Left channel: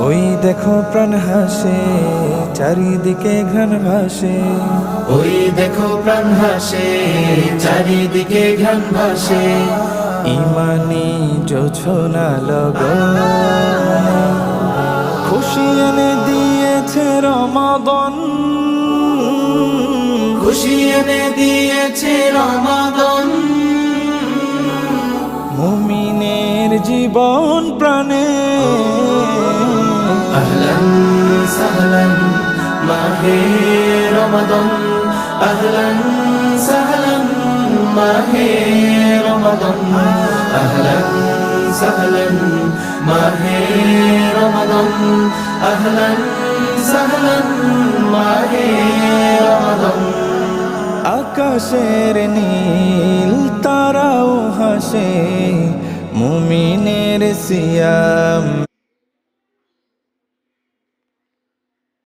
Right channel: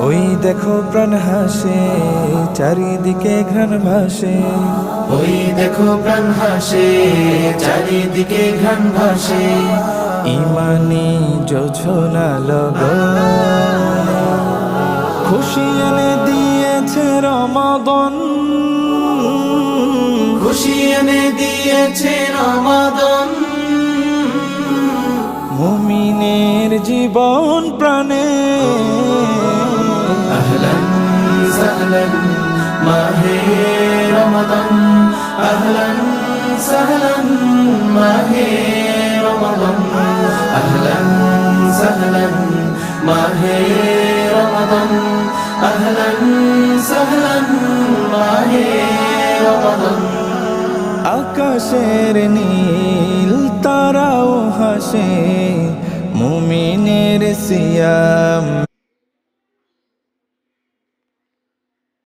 ওই দেখো প্রাণ হাসে, চারিদিকে ঘ্রাণ ভাসে। ওই দেখো প্রাণ হাসে, চারিদিকে ঘ্রাণ ভাসে। ইমানি জোছনা লগনে খুশি এনে দিয়েছে রমাদান। খুশি এনে দিয়েছে রমাদান। মুমিনের জীবন প্রাণে আহলান সাহলান মাহে রমাদান, আহলান সাহলান মাহে রমাদান, আহলান সাহলান মাহে রমাদান, আহলান সাহলান মাহে রমাদান। আকাশের নীল তারাও হাসে, মুমিনের সিয়াম